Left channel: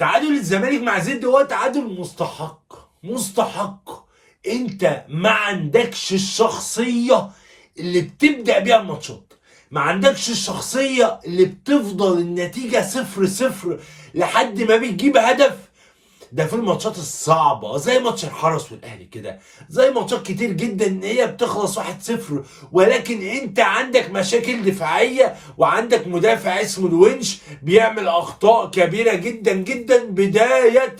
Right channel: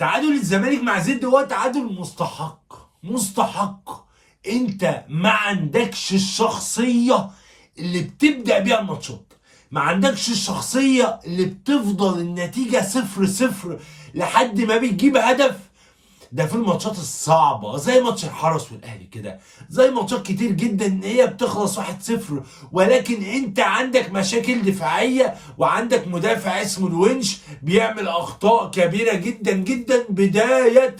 تعادل الزمالك مع زد هو تعادل مستحق مستحق. انت ما عندكش الشخصية اللي بتبدأ بيها الماتشات، ما عندكش الشخصية اللي بتفضل النتيجة 0-0 لحد ما بتجيب هدف. ده في الماتشات الصعبة زي ماتش الحرس والاهلي كده، زي ماتشات كتير جدا ان هي بتخلص 1-0، ولكن انت عندك مشاكل دفاعية وعندك مدافع اسمه الونش بيعمل اخطاء كبيرة جدا جدا بداية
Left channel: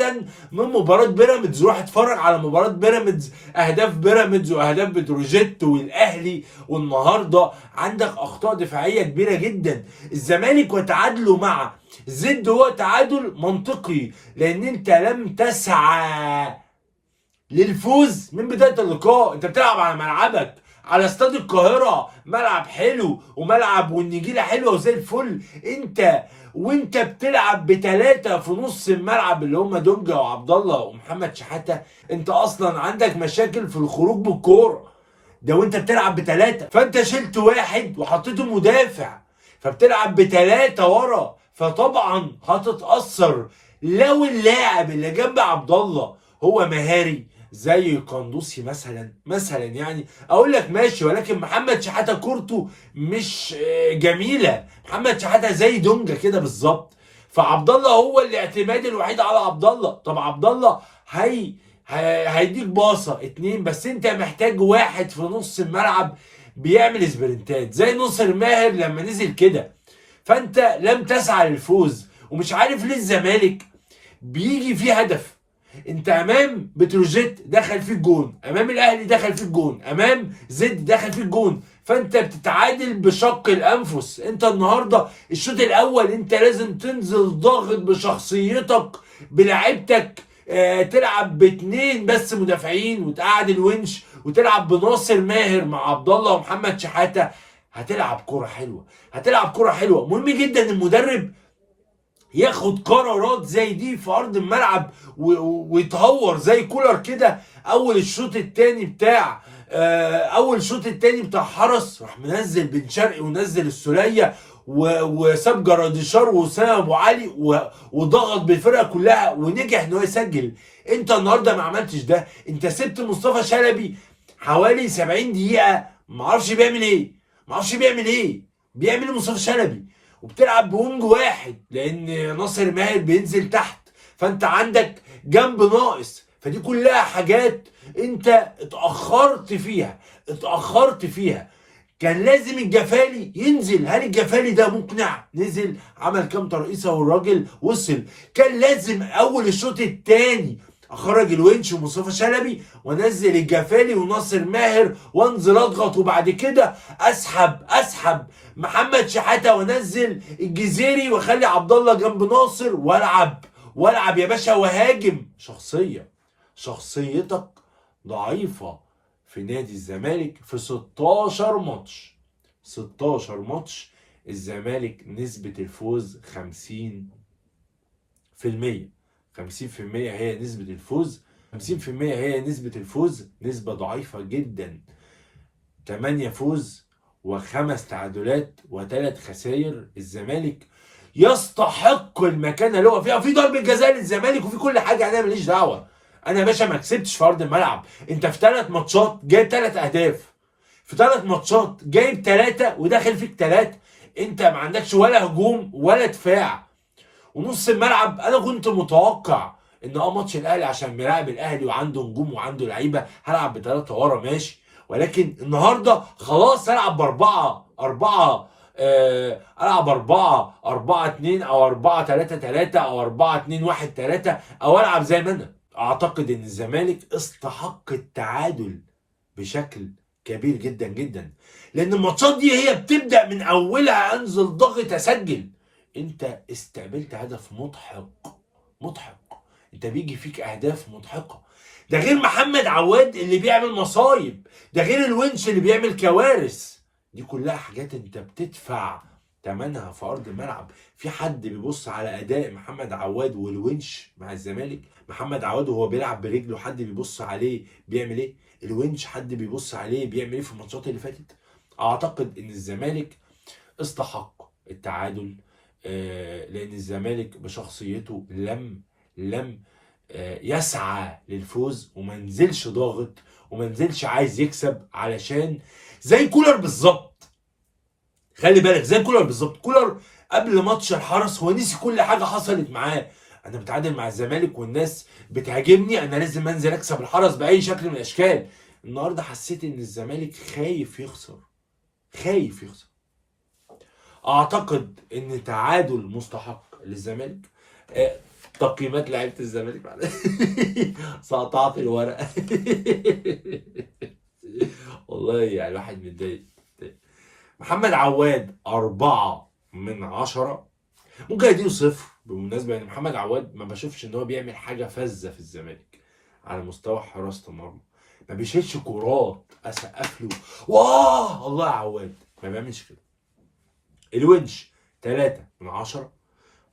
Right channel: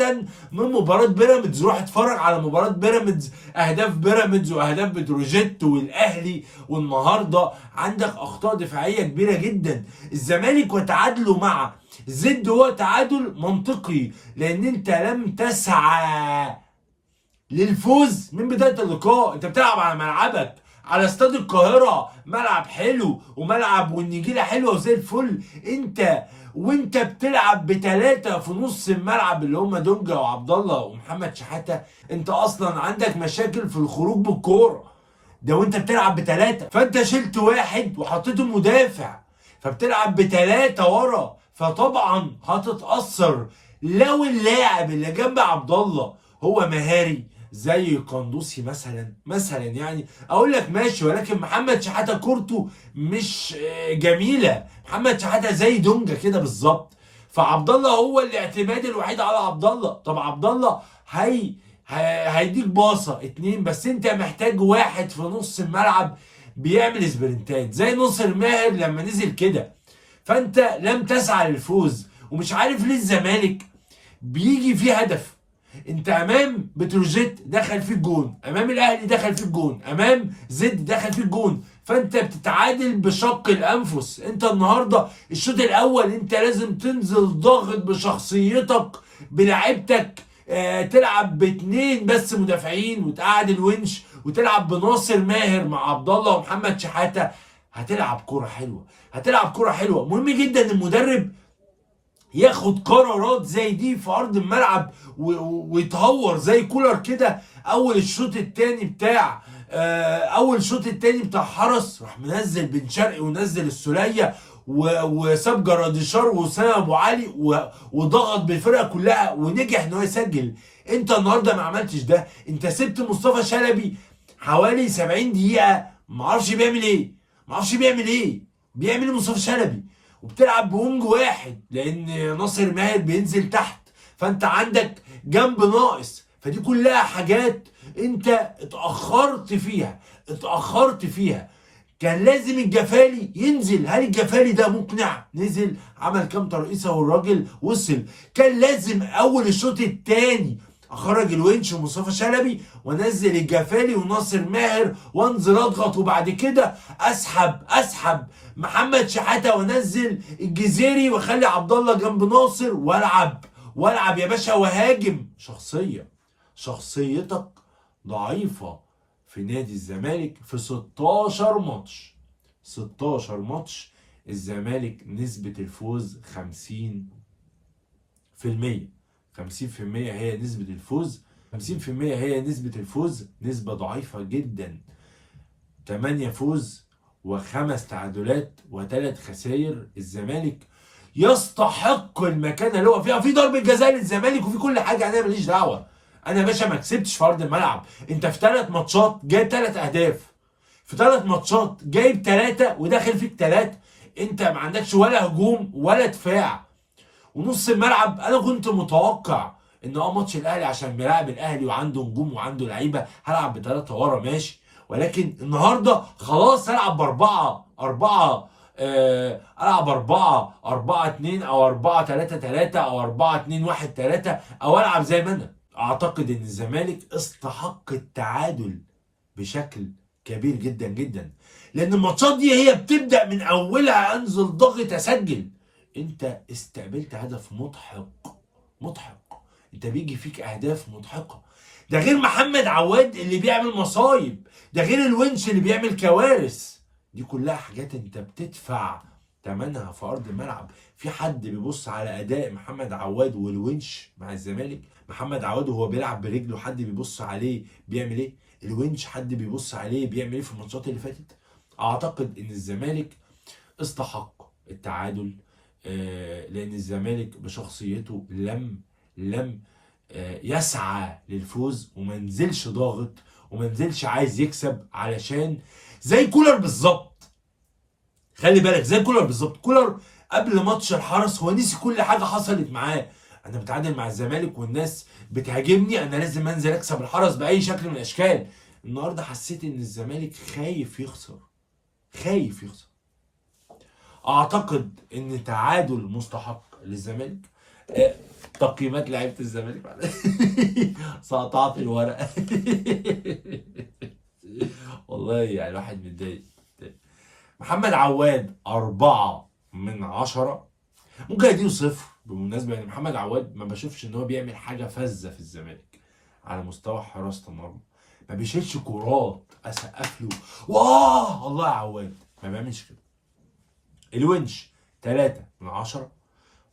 من مباراة بيراميدز. روح اتفرج على مباراة بيراميدز، اهداف بيراميدز واهداف بتروجيت والاهلي، والنهارده عندك اخطاء دفاعية كبيرة جدا. الزمالك وتعادله مع زد هو تعادل منطقي، لان انت لم تسعى للفوز من بداية اللقاء. انت بتلعب على ملعبك، على استاد القاهرة، ملعب حلو وملعب والنجيلة حلوة وزي الفل. وانت بتلعب بثلاثة في نص الملعب اللي هم دونجا وعبد الله ومحمد شحاتة. انت اصلا عندك مشاكل في الخروج بالكورة ده وانت بتلعب بثلاثة، فانت شلت واحد وحطيته مدافع، فبتلعب بثلاثة ورا، فطبعا هتتأثر. لو اللاعب اللي جنب عبد الله هو مهاري زي قندوسي مثلا يعني اقول لك ماشي، ولكن محمد شحاته كورته مش جميله. محمد شحاته زي دونجا كده بالظبط، فعبد الله هو الاعتماد الوحيد على عبد الله. طب عبد الله هيديك باصه اتنين، بس انت محتاج واحد في نص الملعب بيعمل سبرنتات زي ناصر ماهر لما نزل كده. فانت لم تسعى للفوز، ومش عارف ليه الزمالك بيجي فيه هدف. انت امام بتروجيت دخل فيه الجون، امام الاهلي دخل فيه الجون، امام زد دخل فيه الجون، فانت بتتعادل بشق الانفس. انت النهارده الشوط الاول انت لازم تنزل ضاغط بشخصيتك بلعبتك، تلعب باتنين بس مدافعين وتقعد الونش وتلعب بناصر ماهر مع عبد الله ومحمد شحاته. هتلعب كرة حلوه، هتلعب كرة حلوه. مهم جدا المدرب ياخد قرارات زي دي في ارض الملعب ويتهور زي كولر كده. اول شوط التاني بتاع حرس راح منزل بن شرقي ونزل السوليه وساب جراديشار وسام ابو علي وضغط بالفرقه كلها ونجح ان هو يسجل. انت النهارده ما عملتش ده، انت سبت مصطفى شلبي حوالي 70 دقيقه معرفش بيعمل ايه، بيعمل ايه مصطفى شلبي، وبتلعب بونج واحد لان ناصر ماهر بينزل تحت، فانت عندك جنب ناقص. فدي كلها حاجات انت اتأخرت فيها. كان لازم الجفالي ينزل. هل الجفالي ده مقنع؟ نزل عمل كام ترقيصه والراجل وصل. كان لازم اول الشوط الثاني اخرج الونش ومصطفى شلبي وانزل الجفالي وناصر ماهر وانزل اضغط، وبعد كده اسحب محمد شحاته وانزل الجزيري واخلي عبد الله جنب ناصر والعب يا باشا وهاجم. شخصيتك ضعيفه في نادي الزمالك. في 16 ماتش الزمالك نسبة الفوز 50%. 50% هي نسبة الفوز، 50% هي نسبة الفوز، نسبة ضعيفة جدا. 8 فوز و5 تعادلات و3 خسائر. الزمالك يستحق المكانه اللي هو فيها، في ضربة جزاء للزمالك وفي كل حاجة، انا ماليش دعوة. انا يا باشا ما كسبتش في ارض الملعب. انت في 3 ماتشات جايب 3 اهداف، في 3 ماتشات جايب 3 وداخل فيك 3. انت ما عندكش ولا هجوم ولا دفاع. ونص الملعب انا كنت متوقع ان ماتش الاهلي عشان بيلعب الاهلي وعنده نجوم وعنده لعيبه هلعب ب3 ورا ماشي، ولكن النهارده خلاص العب العب 4-4-2 او 4-3-3 او 4-2-1-3 او العب زي ما انا. اعتقد ان الزمالك استحق التعادل بشكل كبير جدا جدا، لان الماتشات دي هي بتبدا من اولها انزل ضغط اسجل. انت استقبلت هدف مضحك، انت بيجي فيك اهداف مضحكه. ده غير محمد عواد اللي بيعمل مصايب، ده غير الونش اللي بيعمل كوارث. دي كلها حاجات انت بتدفع ثمنها في ارض الملعب. في حد بيبص على اداء محمد عواد والونش مع الزمالك؟ محمد عواد وهو بيلعب برجله حد بيبص عليه بيعمل ايه؟ الونش حد بيبص عليه بيعمل ايه في الماتشات اللي فاتت؟ اعتقد ان الزمالك استحق التعادل، لان الزمالك بشخصيته لم لم يسعى للفوز وما نزلش ضاغط وما نزلش عايز يكسب، علشان زي كولر بالظبط. خلي بالك زي كولر بالظبط. كولر قبل ماتش الحرس هو نسي كل حاجه حصلت معاه. انا بتعادل مع الزمالك والناس بتهاجمني، انا لازم انزل اكسب الحرس باي شكل من الاشكال. النهارده حسيت ان الزمالك خايف يخسر، خايف يخسر. اعتقد ان تعادل مستحق للزمالك. تقييمات لعيبه الزمالك بعد سقطت الورقه والله يعني الواحد متضايق. محمد عواد 4/10. ممكن اديله 0 بالمناسبه، يعني محمد عواد ما بشوفش ان هو بيعمل حاجه فذه في الزمالك على مستوى حراسه المرمى. ما بيشيلش كورات اسقف له واه الله يا عواد، ما بيعملش كده. الونش 3/10.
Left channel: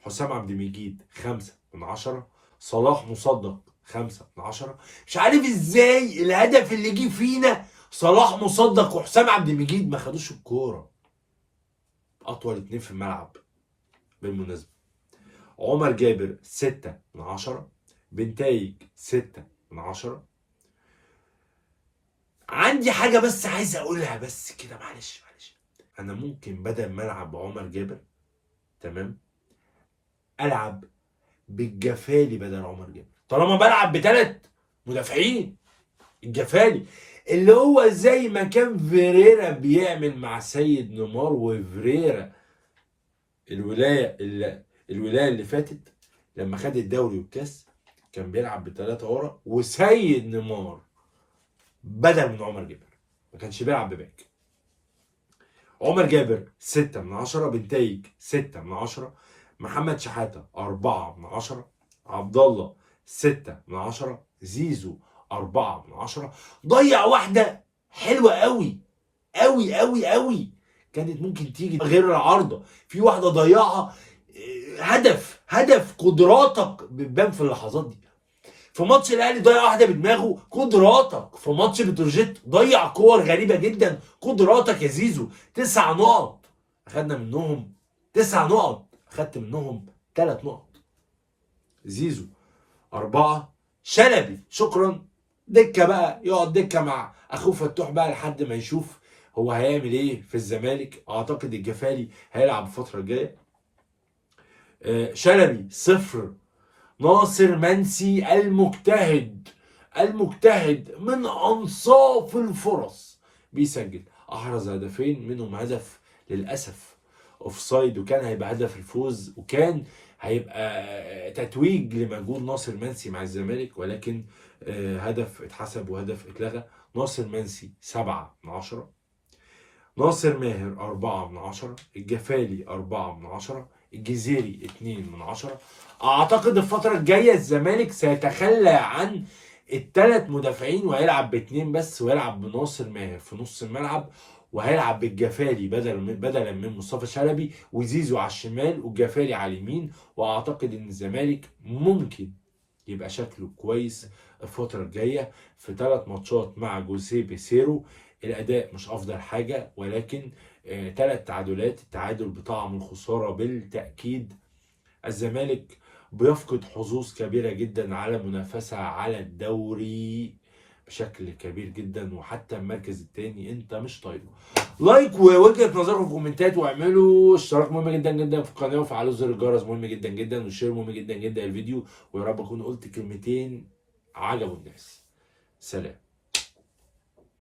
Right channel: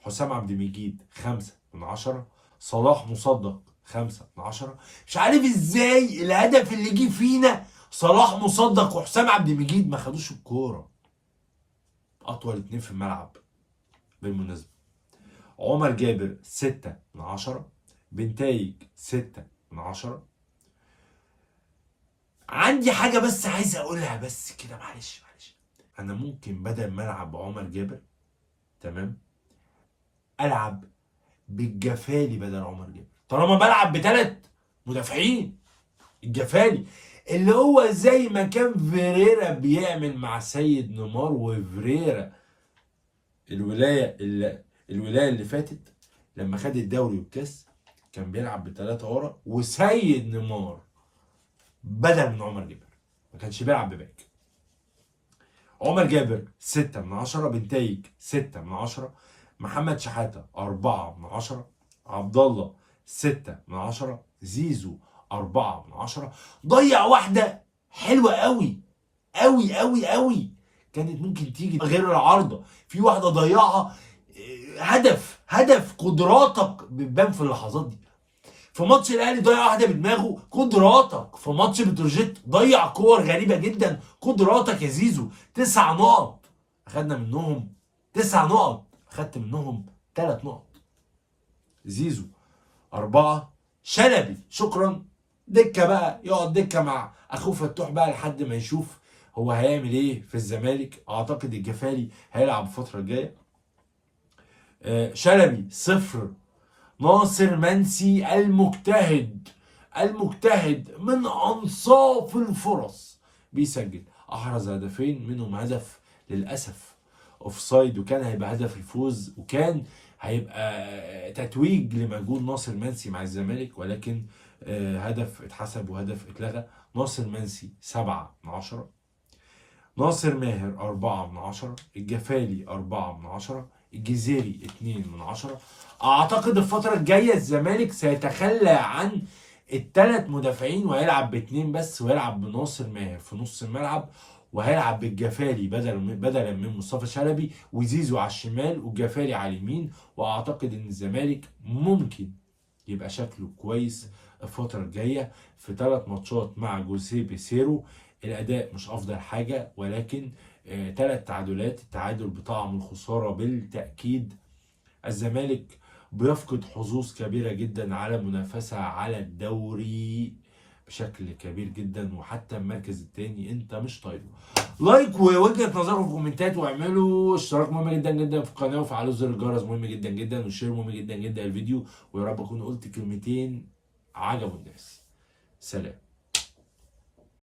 حسام عبد المجيد 5/10. صلاح مصدق 5/10. مش عارف ازاي الهدف اللي جه فينا صلاح مصدق وحسام عبد المجيد ما خدوش الكوره. اطول 2 في الملعب بالمناسبه. عمر جابر 6/10. بنتايج 6/10. عندي حاجه بس عايز اقولها بس كده، معلش. انا ممكن بدل ما العب عمر جابر تمام العب بالجفالي بدل عمر جابر، طالما بلعب ب3 مدافعين. الجفالي اللي هو زي ما كان فيريرا بيعمل مع سيد نيمار وفيريرا الولايه اللي فاتت لما خد الدوري والكاس، كان بيلعب ب3 ورا وسيد نيمار بدل من عمر جابر، ما كانش بيلعب بباك. عمر جابر 6/10. بنتايج 6/10. محمد شحاته 4/10. عبد الله 6/10. زيزو 4/10. ضيع واحده حلوه قوي قوي قوي قوي، كانت ممكن تيجي غير العارضه. في واحده ضيعها هدف قدراتك بتبان في اللحظات دي. في ماتش الاهلي ضيع واحده بدماغه، قدراتك. في ماتش بتروجيت ضيع كور غريبه جدا، قدراتك يا زيزو. 9 نقط اخدنا منهم، 9 نقط اخدت منهم 3 نقط. زيزو 4. شلبي شكرا دكه بقى، يقعد دكه مع اخوه فتوح بقى لحد ما يشوف هو هيعمل ايه في الزمالك. اعتقد الجفالي هيلعب الفتره الجايه. شلبي 0. ناصر منسي المجتهد من انصاف الفرص بيسجل، احرز هدفين منهم هدف للاسف اوفسايد، وكان هيبقى هدف الفوز وكان هيبقى تتويج لمجهود ناصر منسي مع الزمالك، ولكن هدف اتحسب وهدف اتلغى. ناصر منسي 7/10. ناصر ماهر 4/10. الجفالي 4/10. الجزيري 2/10. اعتقد الفترة الجاية الزمالك سيتخلى عن ال3 مدافعين وهيلعب ب2 بس، وهيلعب بناصر ماهر في نص الملعب، وهيلعب بالجفالي بدلا من مصطفى شلبي، وزيزو على الشمال والجفالي على اليمين. واعتقد ان الزمالك ممكن يبقى شكله كويس الفترة الجاية في 3 ماتشات مع جوزيه بيسيرو. الاداء مش افضل حاجة، ولكن 3 تعادلات، التعادل بطعم الخسارة بالتأكيد. الزمالك بيفقد حظوظ كبيرة جدا على منافسة على الدوري بشكل كبير جدا، وحتى المركز الثاني انت مش طايله. لايك ووجهة نظركم في الكومنتات، واعملوا اشتراك مهم جدا جدا في القناة، وفعلوا زر الجرس مهم جدا جدا، والشير مهم جدا جدا الفيديو. ويا رب اكون قلت كلمتين عجبوا الناس. سلام.